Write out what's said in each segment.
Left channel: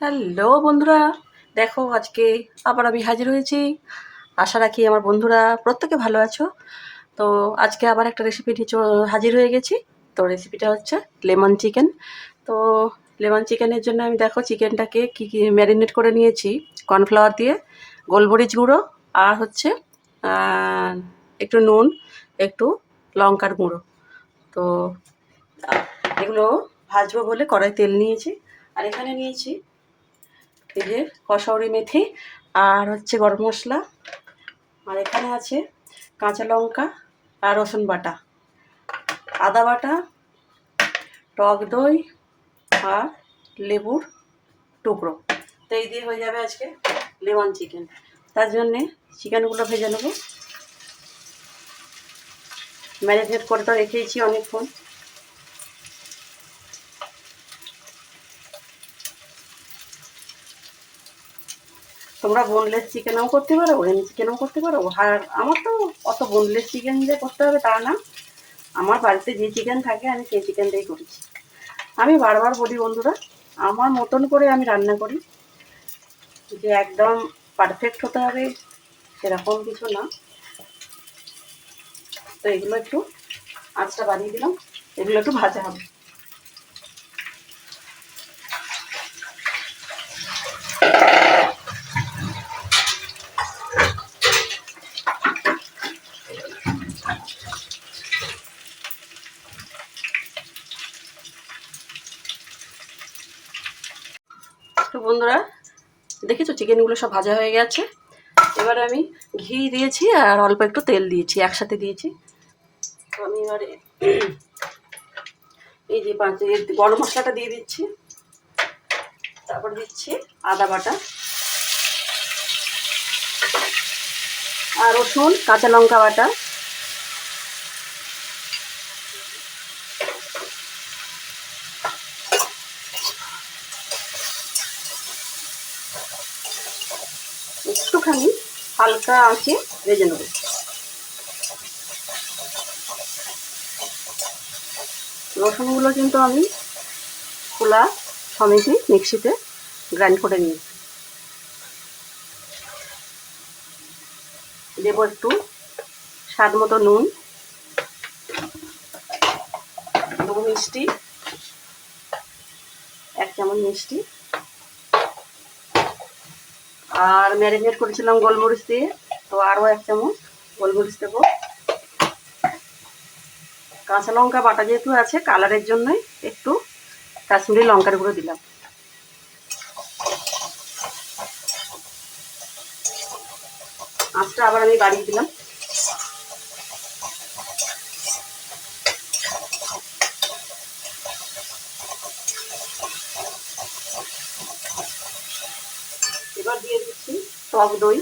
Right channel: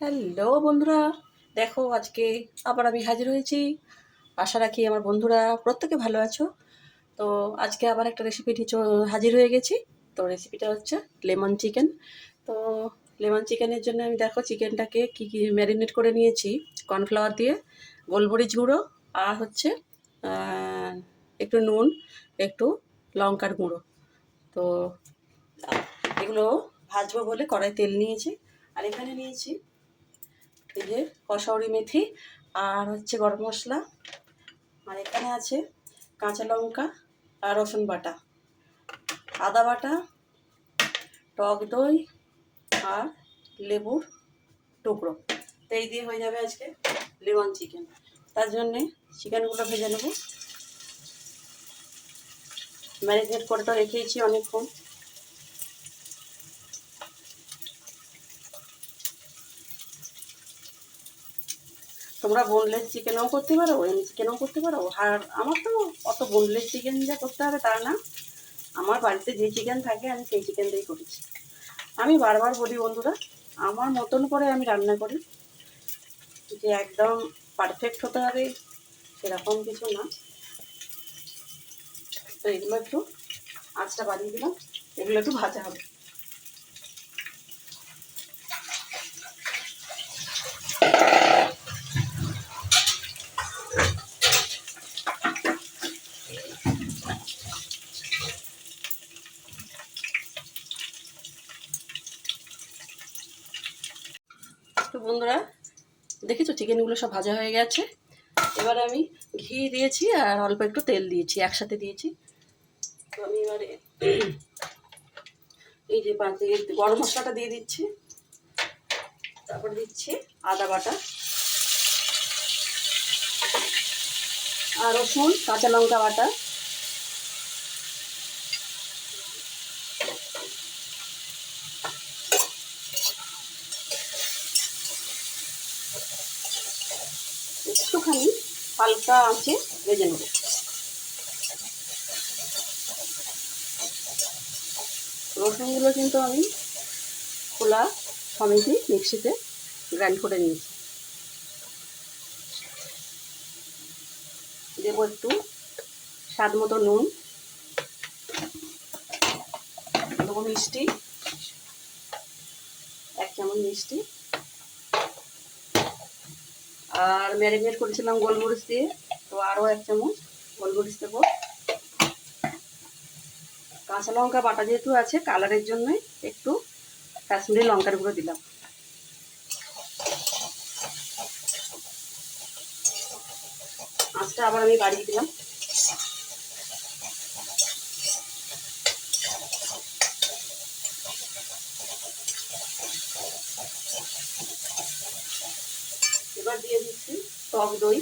Hello বন্ধুরা, দেখো আজকে আবার আমি হাজির হয়েছি। আশা রাখি আমার বন্ধুরা প্রত্যেকে ভালো আছো। তো আজকে আবার একটা রেসিপি নিয়ে হাজির হয়ে গেছি। তো রেসিপিটা হচ্ছে লেমন চিকেন। তো লেমন চিকেনের জন্য আমি দেখো চিকেনটাকে কী ম্যারিনেট করে নিয়েছি। কর্নফ্লাওয়ার দিয়ে, গোলমরিচ গুঁড়ো, আর হচ্ছে আহ, একটু নুন, একটু লঙ্কার গুঁড়ো। তো এগুলো ভাজবো বলে কড়াই তেল নিয়েছি। আর এখানে নিয়েছি এই যে কসৌরি মেথি, আর হচ্ছে গরম মশলা, আর এখানে আছে কাঁচা লঙ্কা আর রসুন বাটা, আদা বাটা, টক দই, আর লেবুর টুকরো। তো এই দিয়ে হয়ে যাবে আজকে লেমন চিকেন। তার জন্যে চিকেনগুলো ভেজে নেবো। ম্যারিনেট করে তো রেখেছি অনেকক্ষণ। তোমরা বোনলেস চিকেনও করতে পারো, এমনি চিকেনও করতে পারো। আর আমার তো অত বোনলেস চিকেন যে করতে হবে তা না, আমার বাড়িতে যে চিকেন থাকে আমি সেই চিকেন দিয়েই করেছি। আমি বারবার বলি বন্ধুরা, আমার মতন করে আমি রান্না করি, যে একদম পারফেক্ট হতে হবে সেরকম কিছু না। তো এগুলো একটু আঁচটা বাড়িয়ে দিলাম, এগুলো একটু ভাজা হবে। তো বন্ধুরা দেখেছো চিকেনগুলো সব ভাজা হয়ে গেছে। এবারে আমি ঘি দিয়েছি আর অল্প একটু তেল দিয়েছি, একসাথে দিয়েছি। তো আমি এবারে এই যে গরম মশলাটা দিয়ে দিচ্ছি, তারপর দিচ্ছি আদা বাটা আর রসুন কাঁচা লঙ্কা বাটা, একটুখানি হালকা আঁচে ভেজে নেব। রসুনগুলো কিন্তু আমি খোলা সমেতই মিক্সিতে গ্রাইন্ড করে নিয়েছি। দেবো একটু স্বাদ মতো নুন, দেবো মিষ্টি, 1 চামচ মিষ্টি, আর ম্যারিনেট করেছিলাম গোলমরিচ দিয়ে, তো আরও 1 চামচ গোলমরিচ দেবো। কাঁচা লঙ্কা বাটা যেহেতু আছে কালারের জন্যই একটু কাশ্মীরি লঙ্কার গুঁড়ো দিলাম। আঁচটা আবার আমি বাড়িয়ে দিলাম। এবার দিয়ে দিচ্ছি টক দই।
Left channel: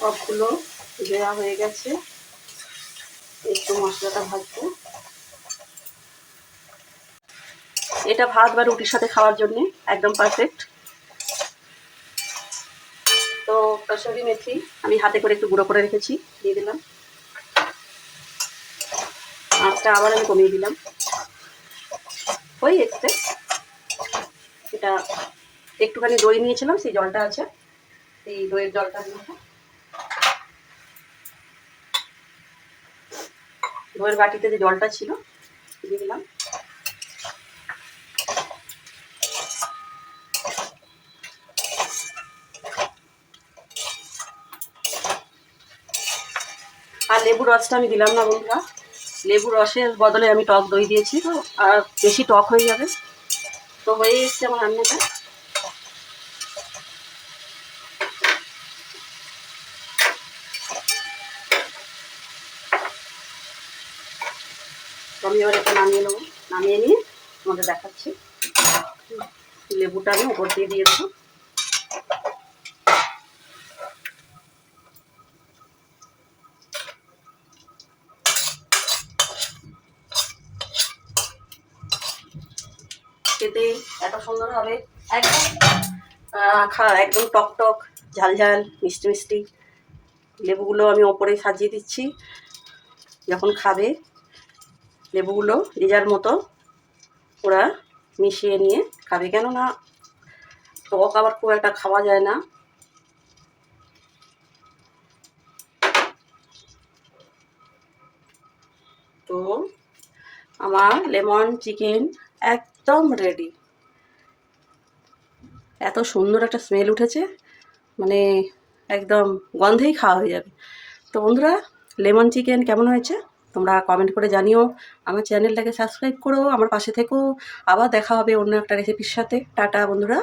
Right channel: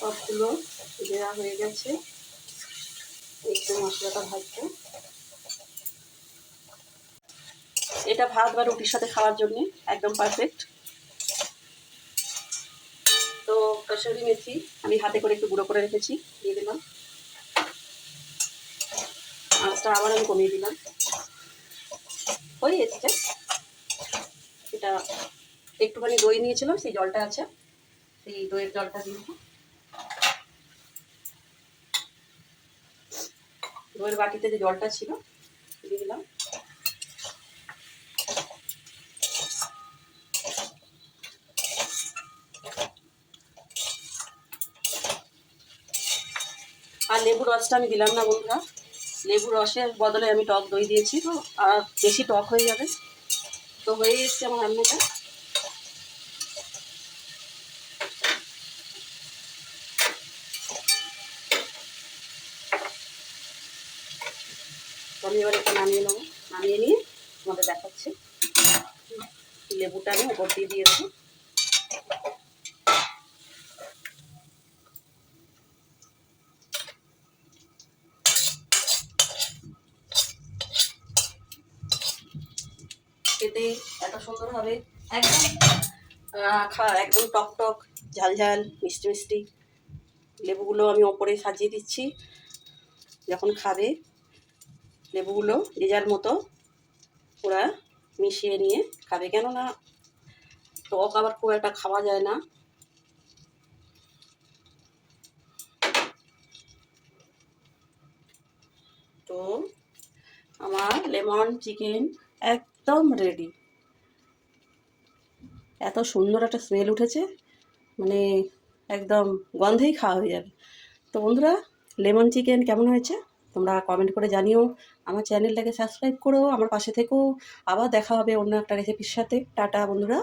সবগুলো দেওয়া হয়ে গেছে, একটু মশলাটা ভাজবো। এটা ভাত বা রুটির সাথে খাওয়ার জন্য একদম পারফেক্ট। তো কসুরি মেথি আমি হাতে করে একটু গুঁড়ো করে রেখেছি, দিয়ে দিলাম। আঁচটা আবার আমি কমিয়ে দিলাম। হয়ে এসছে। এটা একটুখানি দই নিয়েছিলাম, সেই জলটা আছে, সেই দইয়ের জলটা দিয়ে দইয়ের বাটিতে যে জলটা ছিল দিয়ে দিলাম। আর লেবুর রসটা আমি দিলাম না বন্ধুরা, লেবুর রসের বদলে আমি টক দই দিয়েছি, তো আর বেশি টক হয়ে যাবে। তো হয়ে এসছে আমার রান্নাটা। তো আমি এবার এটা নামিয়ে নেবো, নামিয়ে নিয়ে তোমাদের দেখাচ্ছি। লেবুটা আমি উপর দিয়ে দিয়েছি। খেতে খেতে এত সুন্দর হবে, একদম একদম টক টক, ঝাল ঝাল, মিষ্টি মিষ্টি। লেবুগুলো আমি ওপরে সাজিয়ে দিচ্ছি, যখন খাবে লেবুগুলো যে যার মতো ওরা মিশিয়ে নিয়ে খাবে, কেননা টক আবার খুব একটা খাওয়া যায় না। তো আমার লেমন চিকেন একদম রেডি। এত সুন্দর একটা স্মেল উঠেছে, মানে একদম গন্ধেই খাওয়া হয়ে যাবে। তো বন্ধুরা, লেমন চিকেন কেমন হয়েছে তোমরা কমেন্ট করে জানিও। আমার চ্যানেলটাকে সাবস্ক্রাইব করো, আমার পাশে থেকো। আবার দেখা হবে অন্য একটা রেসিপির সাথে। টাটা বন্ধুরা।